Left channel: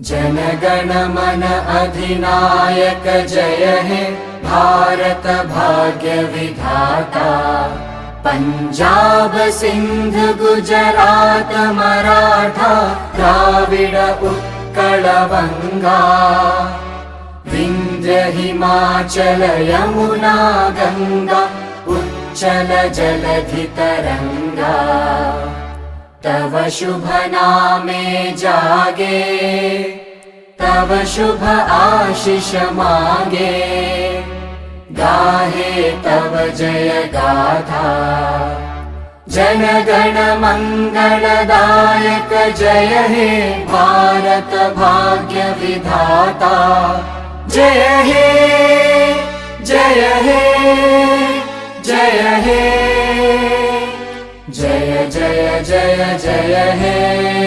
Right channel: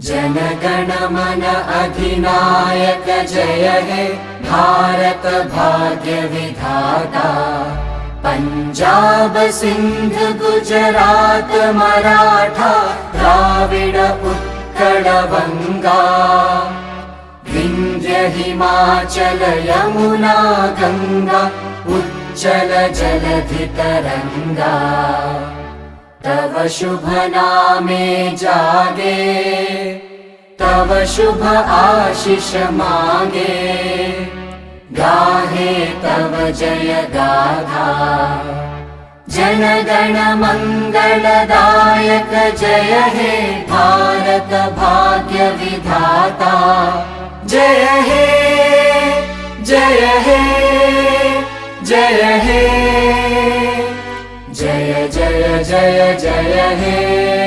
जनगण मन अधिनायक जय हे भारत भाग्य विधाता। पंजाब सिंध गुजरात मराठा द्राविड उत्कल बंगा। विंध्य हिमाचल यमुना गंगा उच्चल जलधि तरंगा। तव शुभ नामे जागे तव शुभ आशीष मांगे। गाहे तव जय गाथा जनगण मंगलदायक जय हे भारत भाग्य विधाता। जय हे जय हे जय हे जय जय जय जय हे।